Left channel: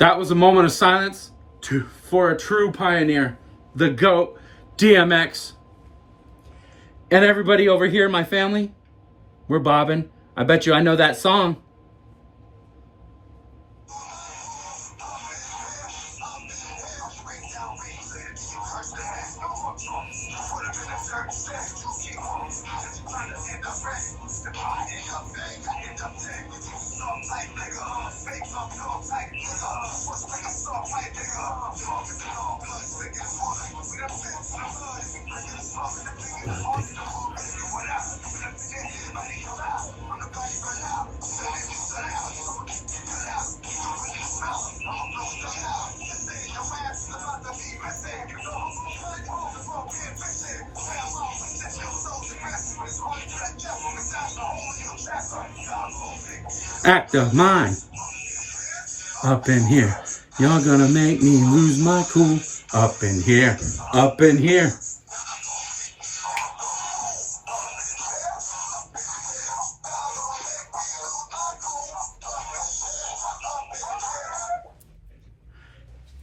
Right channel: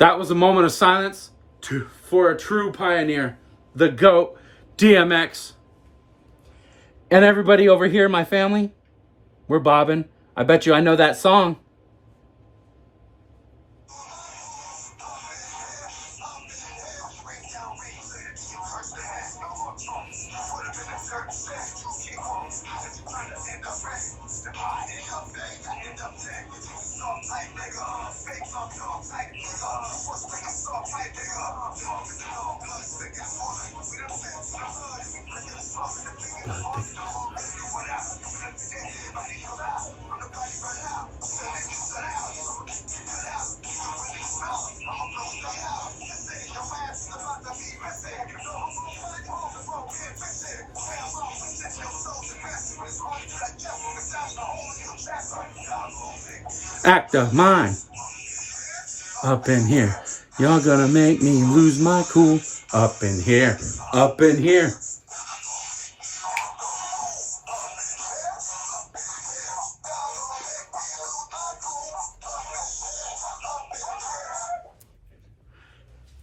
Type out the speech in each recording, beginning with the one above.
That was a moment of silence for a true pioneer, the GOAT, DMX. And everybody over here, my family, we're bobbing. I bet you I know that song. Act of mine. Up in here. Y'all gonna make me lose my cool. Up in here. Up in here.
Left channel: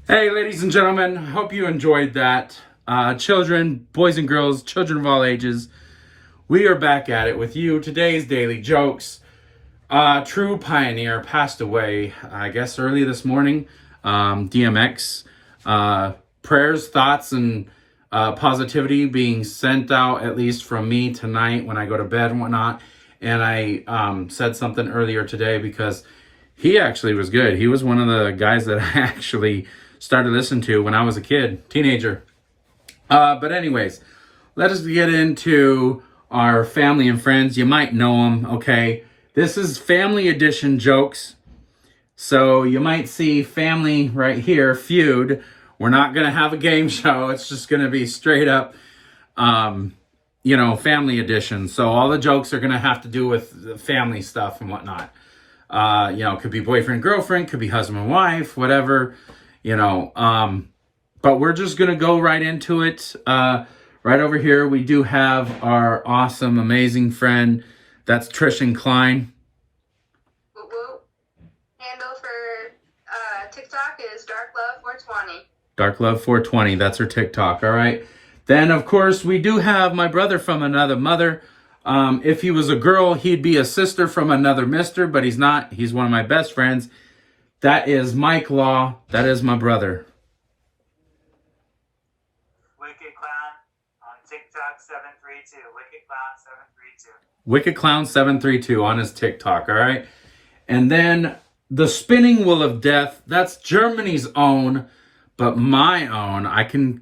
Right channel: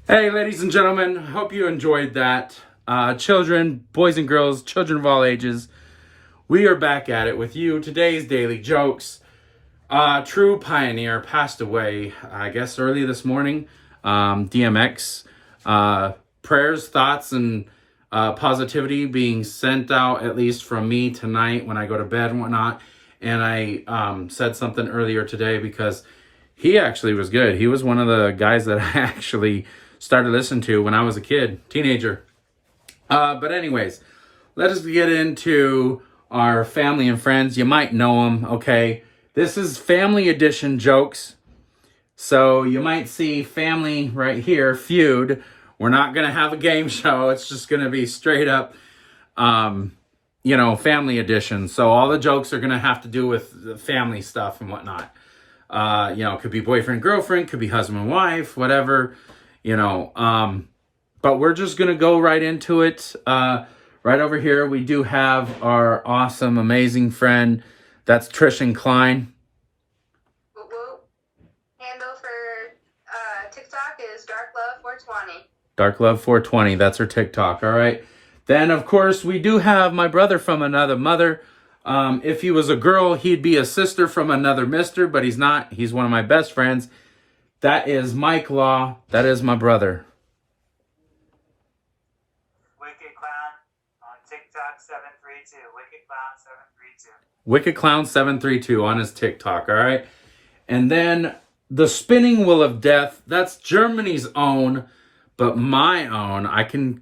Hey, ladies and gentlemen, hope you enjoyed that. Children, boys and girls, children of all ages, we are back at it with you. Today's Daily Jokes. True pioneer passed away, I guess, early this morning. DMX. Prayers, thoughts, and positivity being sent out, at least from me tonight when I go to bed and whatnot. And I said something earlier today because he actually was good. He was one of the guys that I actually started listening to when I was a kid, teenager. But anyways, let us get into our family and friends. You might know them, okay? This is family edition jokes. So you might see family right here, feud. We're not going to have a game show. It's just going to be straight up, family edition. So all the jokes are going to have to do with the family stuff and whatnot. It could be boyfriend, girlfriend, could be husband and wife, whatever, but we're just going to go right into it. Right over here, we do have our awesome, amazing friend. That's Trishan Klein. Handle for TikTok is DarkLove420. DarkLove420, that's her TikTok, all right? Then, of course, we do have my brother from another mother. If he was a girl, he'd be a sister from another mister, but he's not. He's one of my best friends. That is Mike Law. That is my brother. Wicked Clown on TikTok 732. Wicked Clown 732. Wicked Clown 732 on his TikTok, all right? And then the Spinning Wheel of Death, that's Germany's own, but my own. I can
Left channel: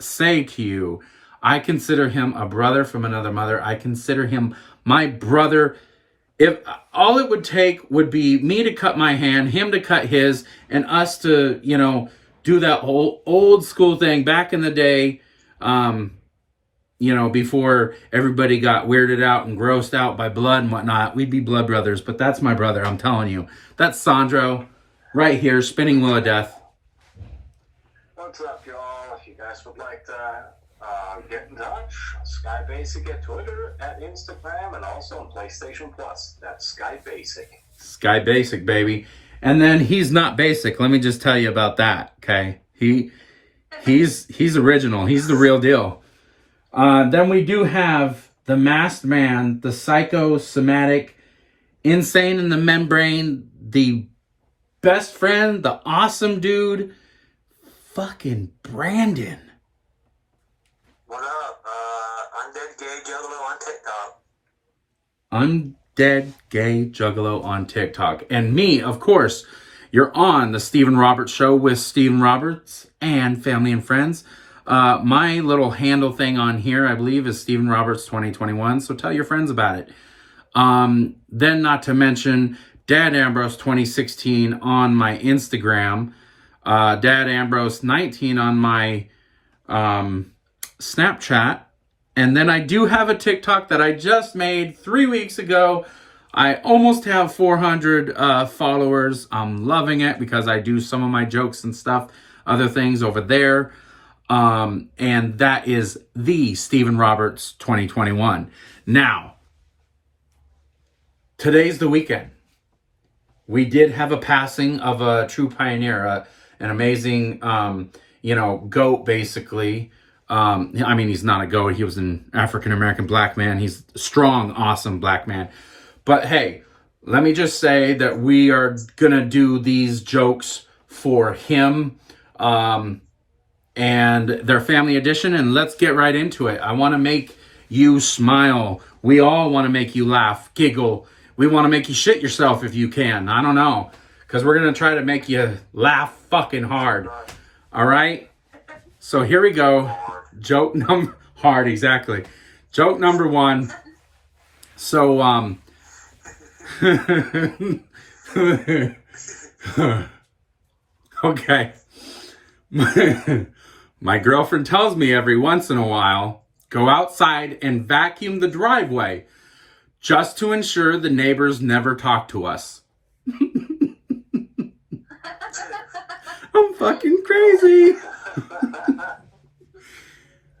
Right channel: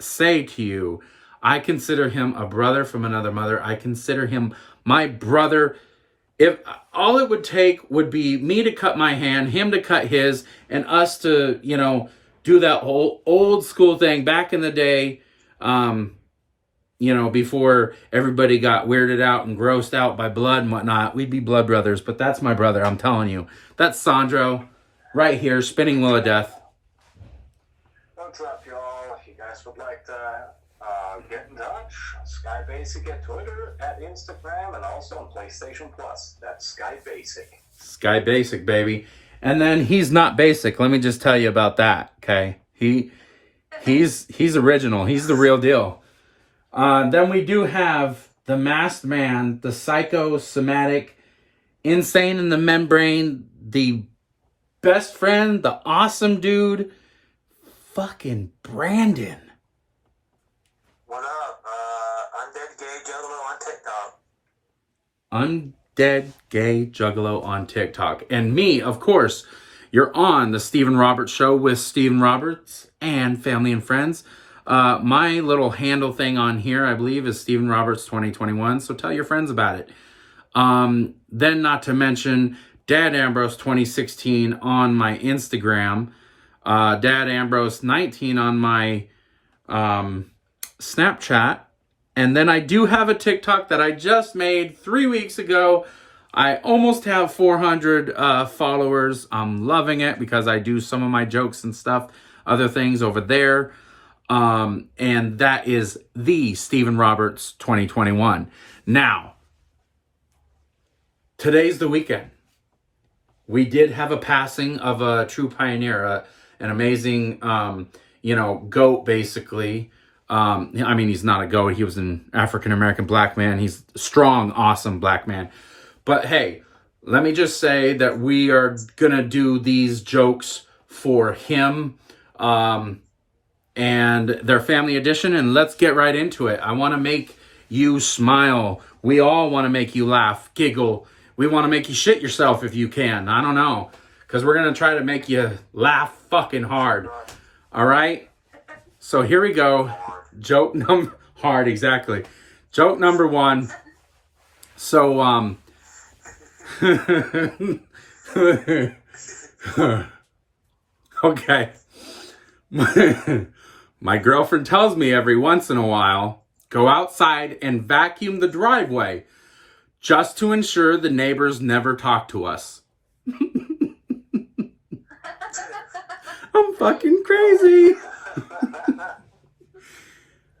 say to you, I consider him a brother from another mother. I consider him my brother. If all it would take would be me to cut my hand, him to cut his, and us to, do that whole old school thing back in the day, before everybody got weirded out and grossed out by blood and whatnot. We'd be blood brothers, but that's my brother, I'm telling you. That's Sandro right here, Spinning Wheel of Death. What's up, y'all? If you guys would like to get in touch, Sky Basic at Twitter, at Instagram, and also on PlayStation Plus. That's Sky Basic. Sky Basic, baby. And then he's not basic. Let me just tell you about that, okay? He's original. He's the real deal. Then we do have the Masked Man, the psychosomatic, insane in the membrane, the best friend, the awesome dude, fucking Brandon. What up? Undead Gay Juggalo on TikTok. Undead Gay Juggalo on TikTok. And me, of course, you're on the Stephen Roberts Show with Stephen Roberts and family and friends. My little handle thing on here, I believe, is Stephen Roberts 2021. So tell your friends about it. Then not to mention Dad Ambrose 2016 on my Instagram. Dad Ambrose 19 on my Snapchat. And then I do have a TikTok that I just made 3 weeks ago. I almost have 400 followers. I'm loving it because I do some of my jokes and stuff, other things over there. And that is the Stephen Roberts 2021. Now, today's the weekend. we did have a passing of a true pioneer, an amazing, goat, basically. I mean, he's not a goat. He was an African-American black man. He's a strong, awesome black man. But hey, let me just say that we are going to do these jokes for him and their family edition. And let's get right into it. I want to make you smile. We all want to make you laugh, giggle. We want to make you shit yourself if you can. I don't know. Because we're going to try to make you laugh fucking hard. All right? So here we go. Joke number... Hard, exactly. Joke number 1. So, okay. My girlfriend tells me every once in a while, go outside and vacuum the driveway just to ensure the neighbors never talk to us. I'm fucking crazy.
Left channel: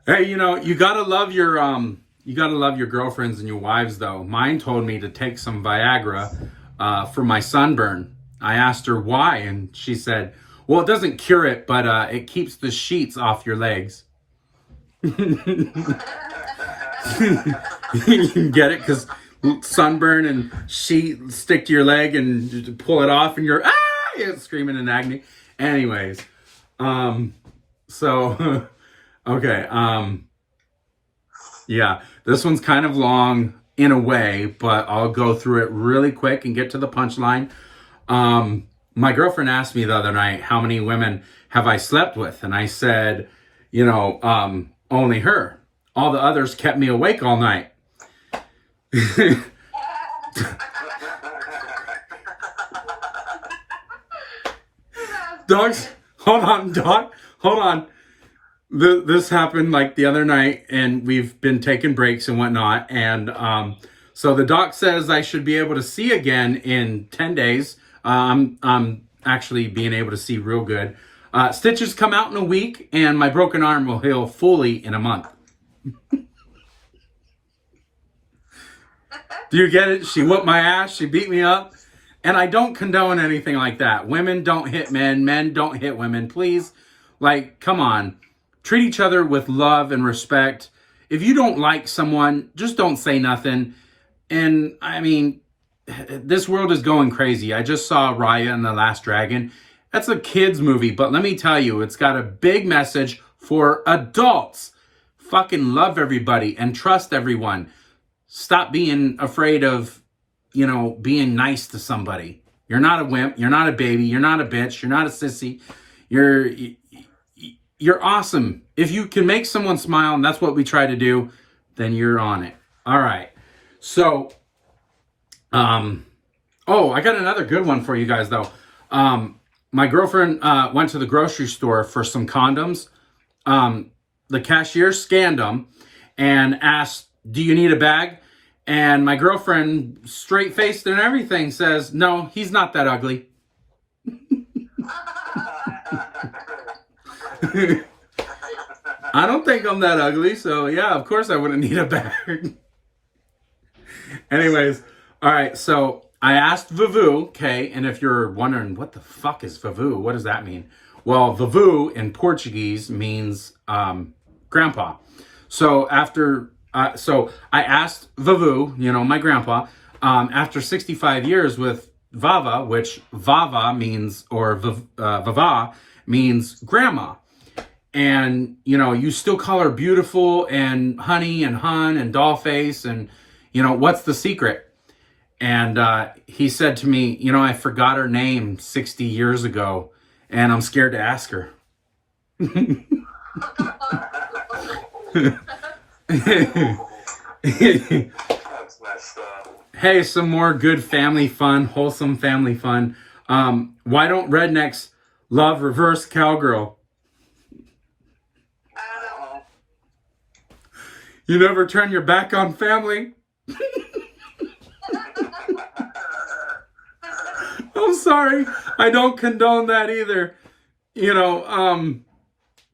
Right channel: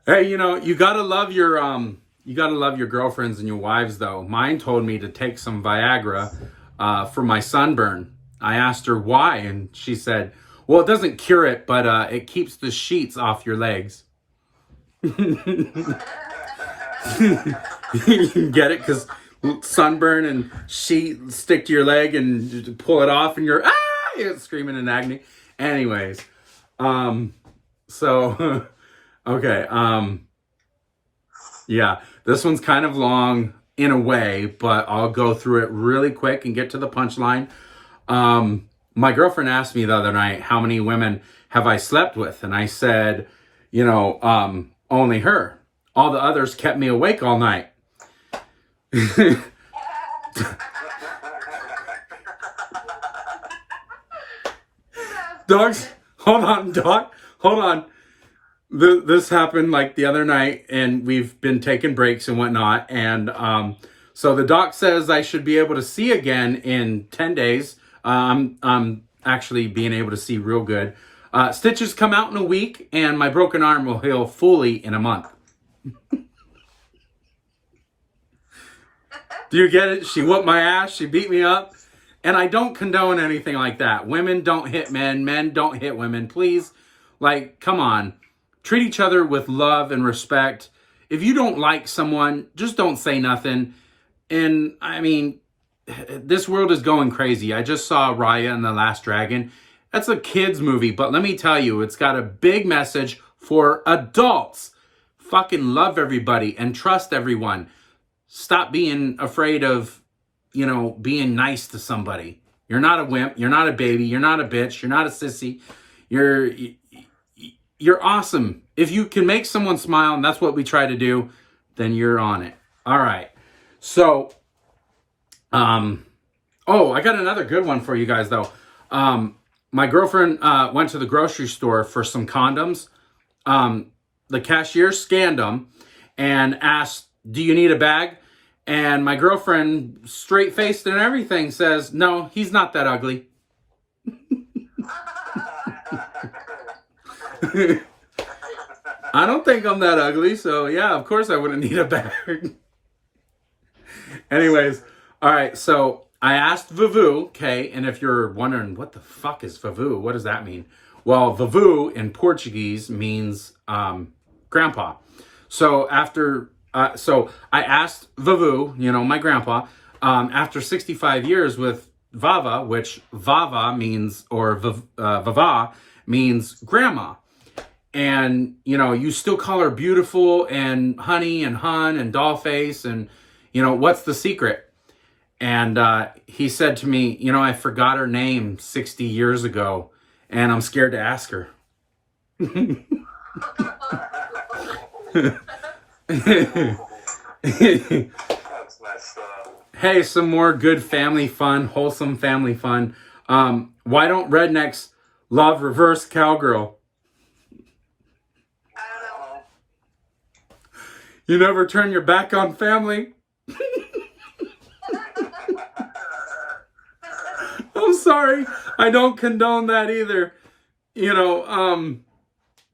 Hey, you gotta love your girlfriends and your wives, though. Mine told me to take some Viagra for my sunburn. I asked her why, and she said, well, it doesn't cure it, but it keeps the sheets off your legs. You get it? Because sunburn and sheet stick to your leg and you pull it off and you're screaming in agony. Anyways, so, okay, yeah, this one's kind of long in a way, but I'll go through it really quick and get to the punchline. My girlfriend asked me the other night, how many women have I slept with? And I said, only her. All the others kept me awake all night. Dogs, hold on, dog. Hold on. This happened like the other night, and we've been taking breaks and whatnot. And so the doc says I should be able to see again in 10 days. I'm actually being able to see real good. Stitches come out in a week, and my broken arm will heal fully in a month. Do you get it? She whooped my ass. She beat me up. And I don't condone anything like that. Women don't hit men. Men don't hit women. Please, come on. Treat each other with love and respect. If you don't like someone, just don't say nothing. And, I mean, this world is going crazy. I just saw Raya and the Last Dragon. That's a kid's movie, but let me tell you, it's got a big message for adults. Fucking love everybody and trust everyone. Stop being afraid of, being nice to somebody. You're not a wimp. You're not a baby. You're not a bitch. You're not a sissy. You're awesome. If you can make someone smile, and that's what we try to do, then you're on it. All right. So, I got another good one for you guys, though. My girlfriend went to the grocery store for some condoms. The cashier scanned them and asked, do you need a bag? And my girlfriend, straight-faced and everything, says, no, he's not that ugly. I don't think I'm that ugly, so yeah, of course I wouldn't need a bag. Anyways, all right, so I asked Vavoo, okay, and if you're wondering, what the fuck is Vavoo? What does that mean? Well, Vavoo in Portuguese means grandpa. So so I asked Vavoo, my grandpa, after 65 years with Vava, which Vava means, or Vava means grandma. And, you still call her beautiful and honey and hun and doll face and, what's the secret? And he said to me, I forgot her name 60 years ago and I'm scared to ask her. That's messed up. Hey, some more good family fun, wholesome family fun. Why don't rednecks love reverse cowgirl? I don't know. You never turn your back on family? I'm sorry. I don't condone that either.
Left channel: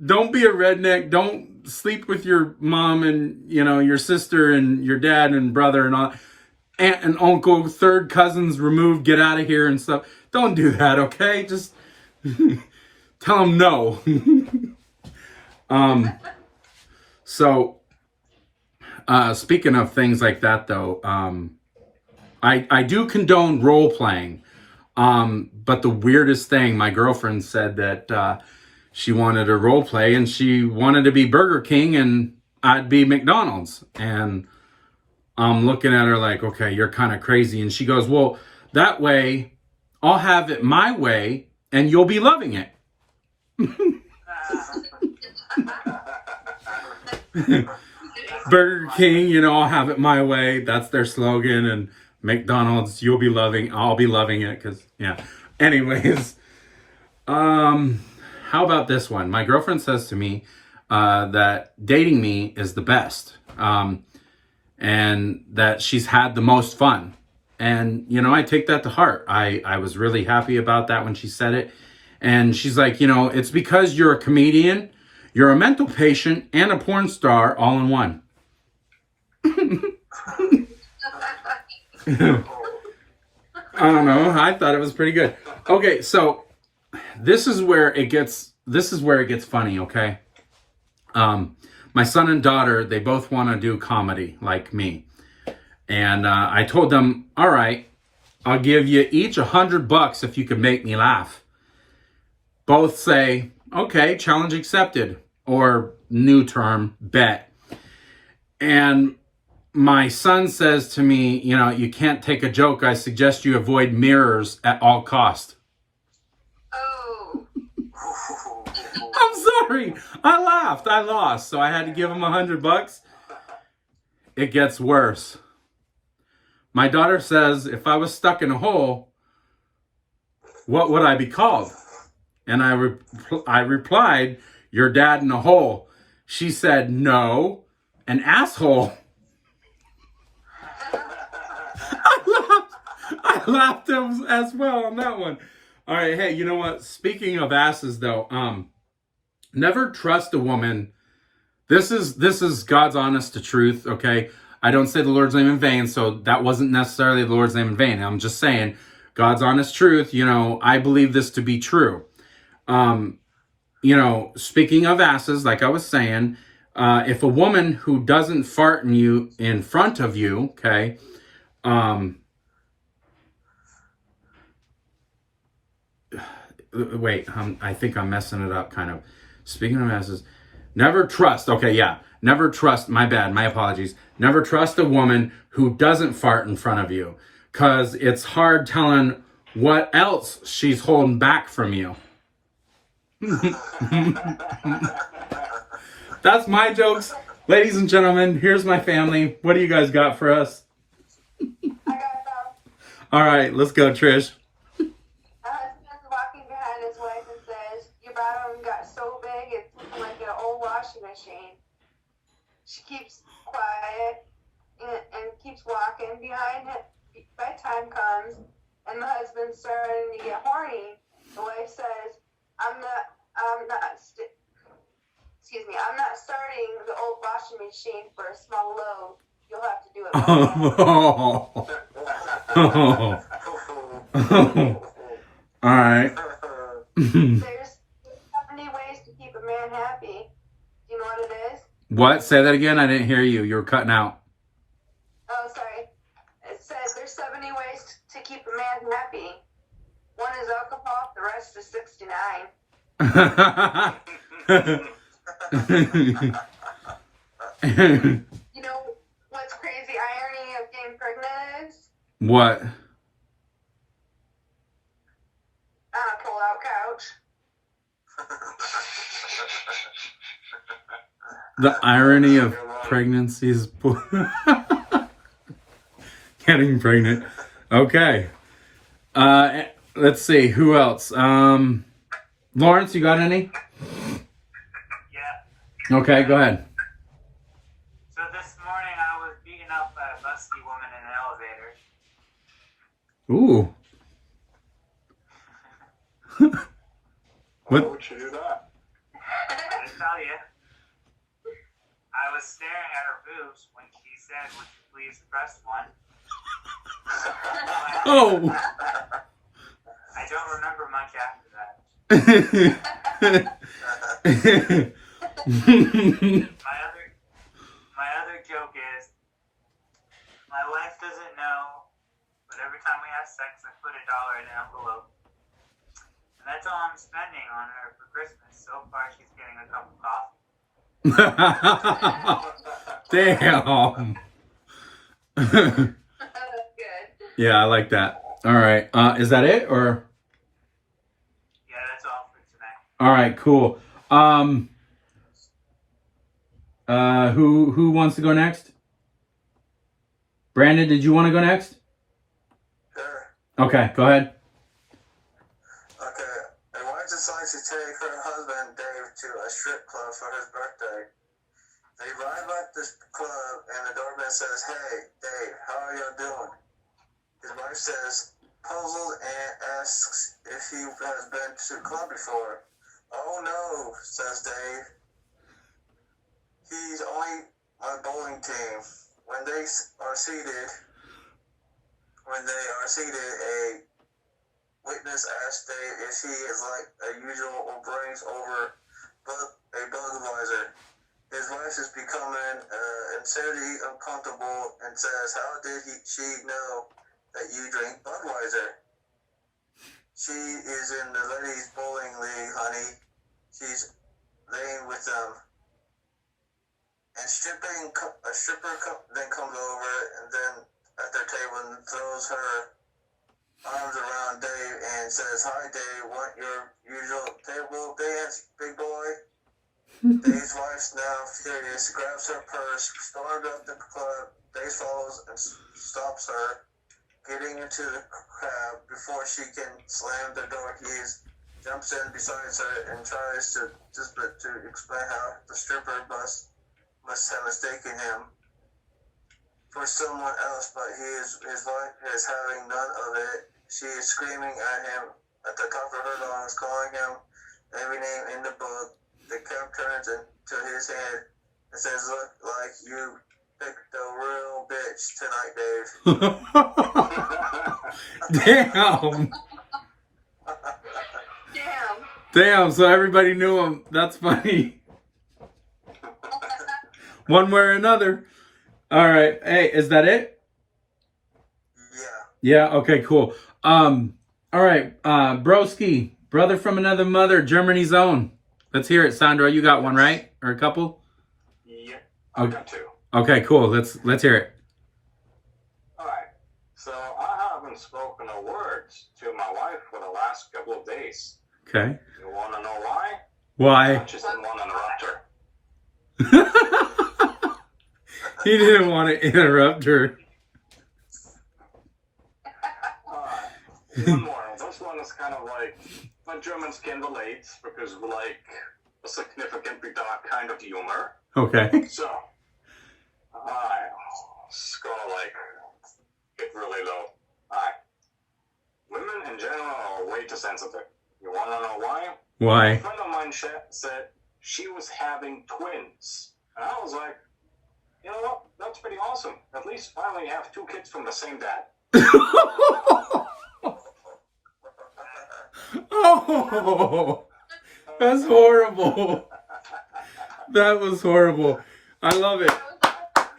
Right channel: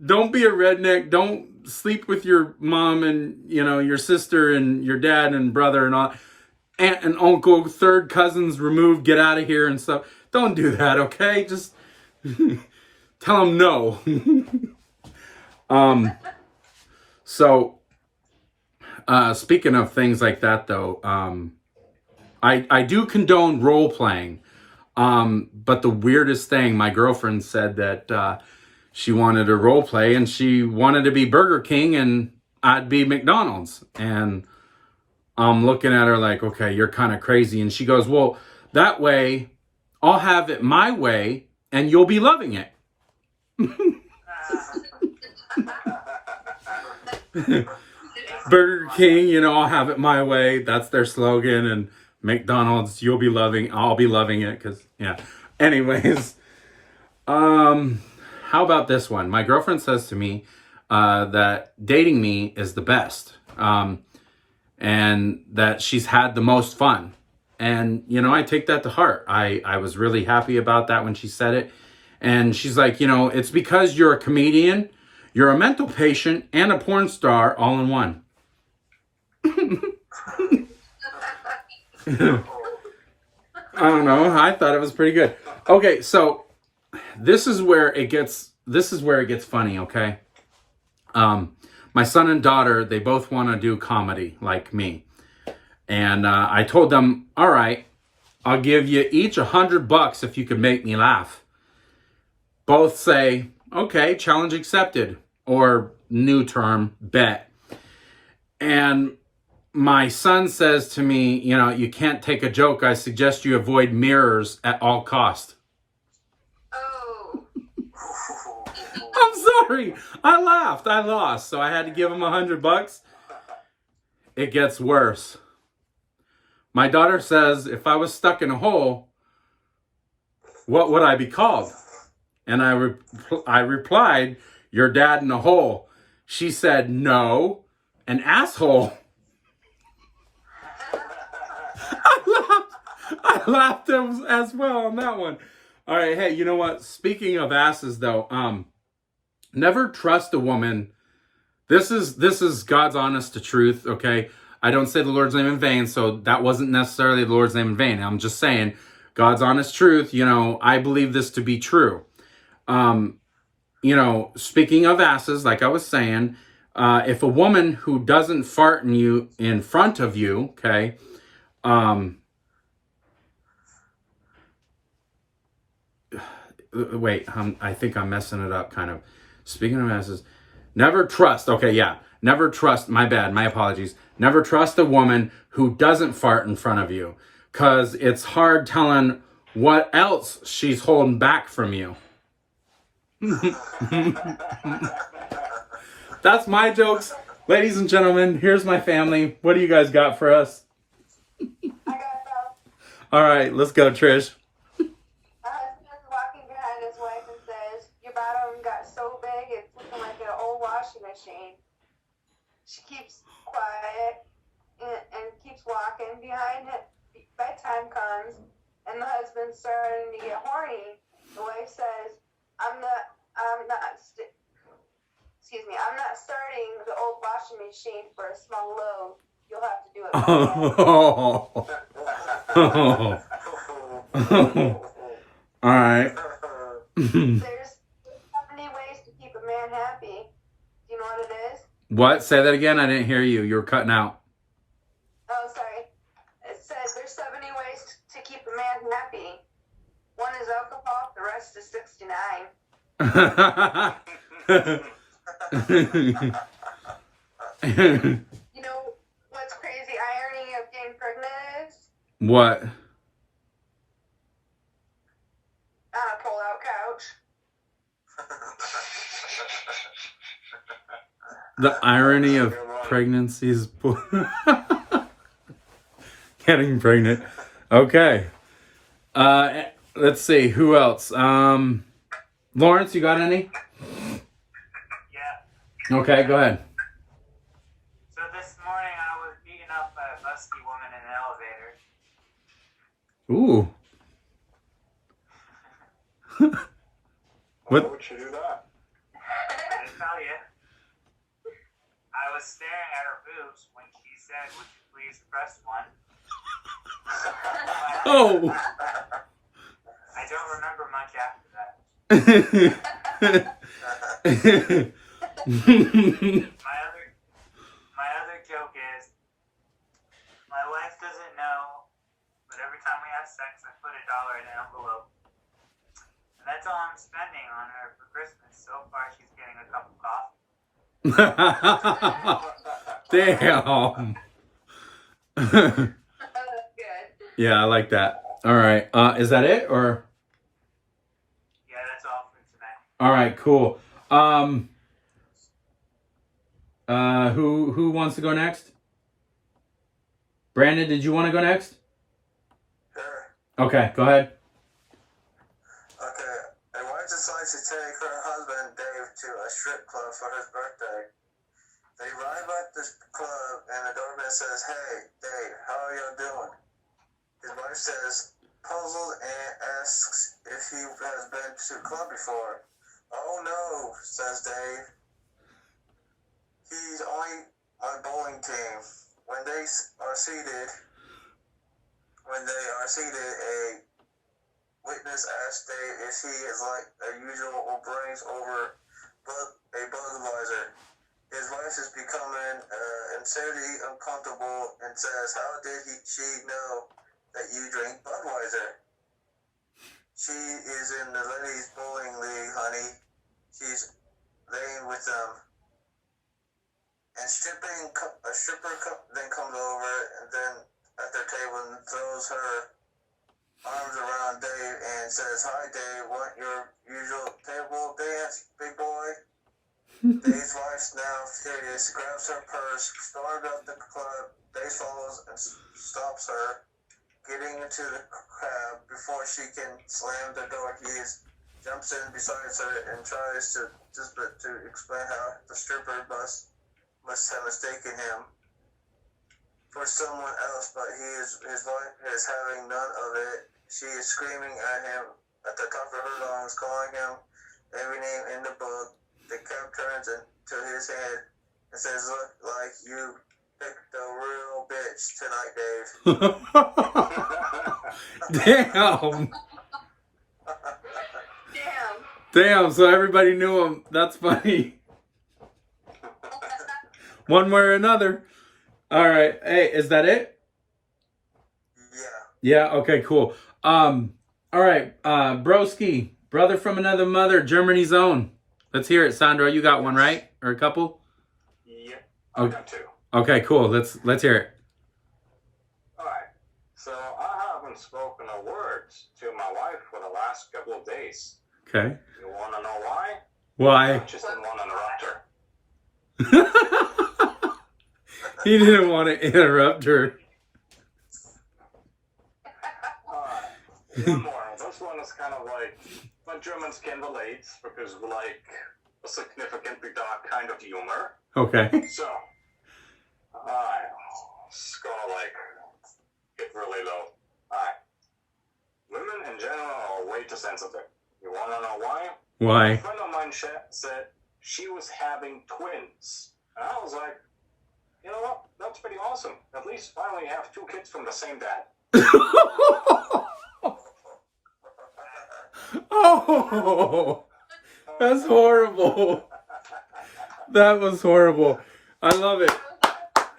Don't be a redneck. Don't sleep with your mom and, your sister and your dad and brother and all. aunt and uncle, third cousins removed, get out of here and stuff. Don't do that, okay? Just tell them no. So, speaking of things like that, though, I do condone role playing. But the weirdest thing, my girlfriend said that she wanted to role play and she wanted to be Burger King and I'd be McDonald's. And I'm looking at her like, okay, you're kind of crazy. And she goes, well, that way I'll have it my way and you'll be loving it. Burger King, you know, I'll have it my way. That's their slogan. And McDonald's, you'll be loving, I'll be loving it. Cause yeah. Anyways, how about this one? My girlfriend says to me, that dating me is the best. And that she's had the most fun. And, you know, I take that to heart. I was really happy about that when she said it. And she's like, you know, it's because you're a comedian, you're a mental patient, and a porn star all in one. I don't know. I thought it was pretty good. Okay, so this is where it gets funny, okay? My son and daughter, they both want to do comedy like me. And I told them, all right, I'll give you each $100 if you could make me laugh. Both say, okay, challenge accepted, or new term, bet. And my son says to me, you know, you can't take a joke. I suggest you avoid mirrors at all cost. Oh. I'm sorry. I laughed. I lost. So I had to give him $100. It gets worse. My daughter says, if I was stuck in a hole, what would I be called? And I replied, your dad in a hole. She said, no, an asshole. I laughed as well on that one. All right, hey, you know what? Speaking of asses, though, never trust a woman. This is God's honest to truth, okay? I don't say the Lord's name in vain, so that wasn't necessarily the Lord's name in vain. I'm just saying, God's honest truth, you know, I believe this to be true. You know, speaking of asses, like I was saying, if a woman who doesn't fart in front of you, okay, wait, I think I'm messing it up kind of. Speaking of asses, never trust, okay, yeah, never trust, my bad, my apologies. Never trust a woman who doesn't fart in front of you, because it's hard telling what else she's holding back from you. That's my jokes. Ladies and gentlemen, here's my family. What do you guys got for us? I got that. All right, let's go, Trish. My husband's walking behind his wife and says, your bottom got so big it's looking like an old washing machine. She keeps quiet and keeps walking behind him. Bedtime comes and the husband's starting to get horny. The wife says, I'm not starting the old washing machine for a small load. You'll have to do it by hand. All right. There's 70 ways to keep a man happy. Do you know what it is? What? Say that again? I didn't hear you. You were cutting out. Oh, sorry. It says there's 70 ways to keep a man happy. One is alcohol, the rest is 69. You know what's crazy irony of getting pregnant is? What? On a pull-out couch. The irony of pregnancy is getting pregnant. Okay. Let's see. Who else? Lawrence, you got any? Yeah. Okay, go ahead. So this morning I was beaten up by a busty woman in an elevator. Ooh. Why What? would you do that? I didn't tell you. I was staring at her boobs when she said, would you please press one? Oh. I don't remember much after that. My other joke is, my wife doesn't know, but every time we have sex, I put $1 in an envelope. And that's all I'm spending on her for Christmas. So far, she's getting a cup of coffee. Damn. Good. Yeah, I like that. All right. Is that it or? Yeah, that's all for tonight. All right, cool. Who wants to go next? Brandon, did you want to go next? Sure. Okay, go ahead. Okay. A wife decides to take her husband Dave to a strip club for his birthday. They arrive at this club and the doorman says, "Hey, Dave, how are y'all doing?" His wife says, puzzled, and asks if he has been to the club before. "Oh no," says Dave. "He's only my bowling team." When they are seated, a witness asks Dave if he is like usual or brings over a Budweiser. His wife is becoming insanely uncomfortable and says, "How did she know that you drink Budweiser?" "She is in the ladies' bowling league, honey. She's laying with them." And a stripper then comes over and then at their table and throws her arms around Dave and says, "Hi, Dave, want your usual table dance, big boy?" Dave's wife's now furious, grabs her purse, storms up the club. Dave follows and stops her, getting into the crowd before she can slam the door. He jumps in beside her and tries to explain how the stripper must have mistaken him for someone else, but his wife is having none of it. She is screaming at him at the top of her lungs, calling him every name in the book. The cap turns into his head and says, "Look like you picked a real bitch tonight, Dave." Damn. Damn. Damn, so everybody knew him. That's funny. One way or another. All right. Hey, is that it? Yeah. Yeah, okay, cool. All right, Broski, brother from another mother, Germany's own. Let's hear it, Sandro. You got one, right? Or a couple? Yep, I've got two. Okay, cool. Let's hear it. Alright, so I haven't spoken a word to my wife for the last couple of days. Okay. You wanna know why? Why? I just didn't want to interrupt her. He didn't want to interrupt her. One more. This one is kind of like Germans can relate because we like a significantly dark kind of humor. Okay. So, it's gonna like get really low. Alright. Women in general are way too sensitive. You wanna know why? A Why? friend of mine said she was having twins. And I was like, you know what? That's pretty awesome. At least finally you have two kids from the same dad. Oh, that's horrible. That was horrible. I love it.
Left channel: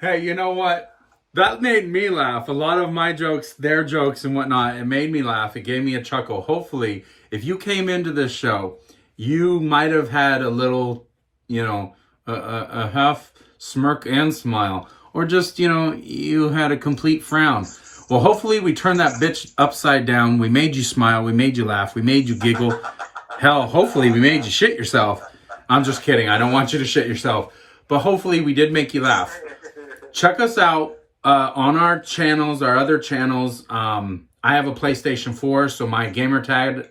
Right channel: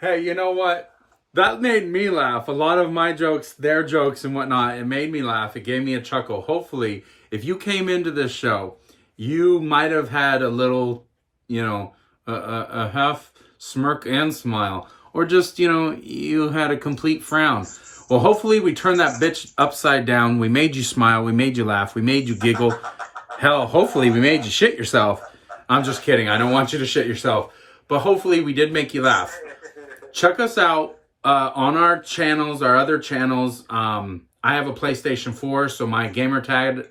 Hey, you know what? That made me laugh. A lot of my jokes, their jokes and whatnot, it made me laugh. It gave me a chuckle. Hopefully, if you came into this show, you might have had a little, a half smirk and smile. Or just, you had a complete frown. Well, hopefully we turned that bitch upside down. We made you smile. We made you laugh. We made you giggle. Hell, hopefully we made you shit yourself. I'm just kidding. I don't want you to shit yourself. But hopefully we did make you laugh. Check us out on our channels, our other channels. I have a PlayStation 4, so my gamer tag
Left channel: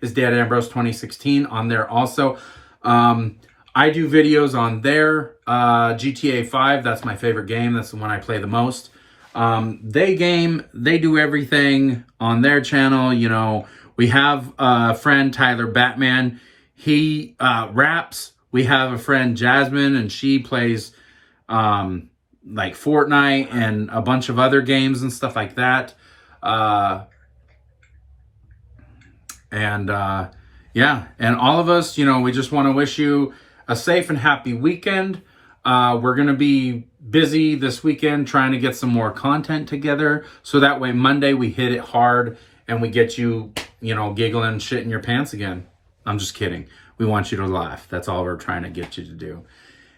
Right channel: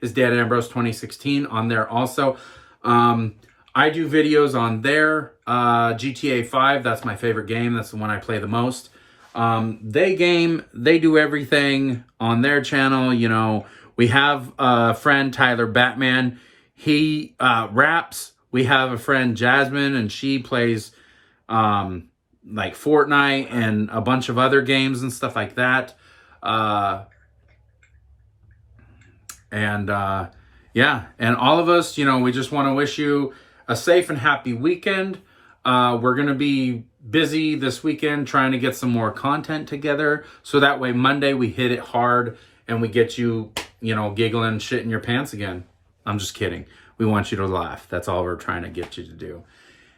is Dad Ambrose 2016 on there also. I do videos on there. GTA 5, that's my favorite game. That's the one I play the most. They do everything on their channel. We have a friend, Tyler Batman. He raps. We have a friend, Jasmine, and she plays like Fortnite and a bunch of other games and stuff like that. Yeah, and all of us, we just want to wish you a safe and happy weekend. We're going to be busy this weekend trying to get some more content together. So that way Monday we hit it hard and we get you, giggling and shit in your pants again. I'm just kidding. We want you to laugh. That's all we're trying to get you to do.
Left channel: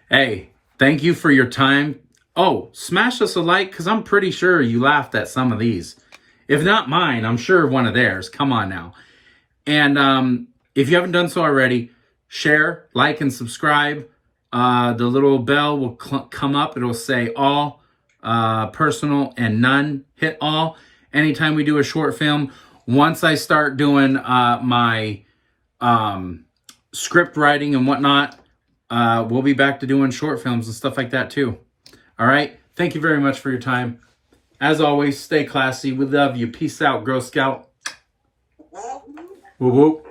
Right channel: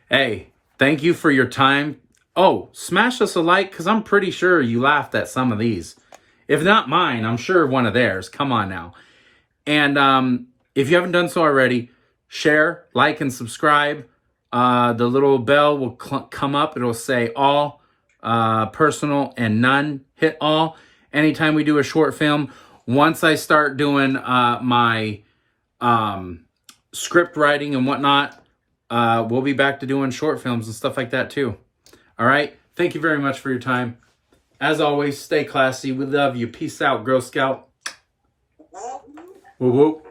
Hey, thank you for your time. Oh, smash us a like, because I'm pretty sure you laughed at some of these. If not mine, I'm sure one of theirs. Come on now. And if you haven't done so already, share, like, and subscribe. The little bell will come up. It'll say all, personal, and none. Hit all anytime we do a short film. Once I start doing my script writing and whatnot, we'll be back to doing short films and stuff like that too. All right. Thank you very much for your time. As always, stay classy. We love you. Peace out, Girl Scout. Whoop whoop.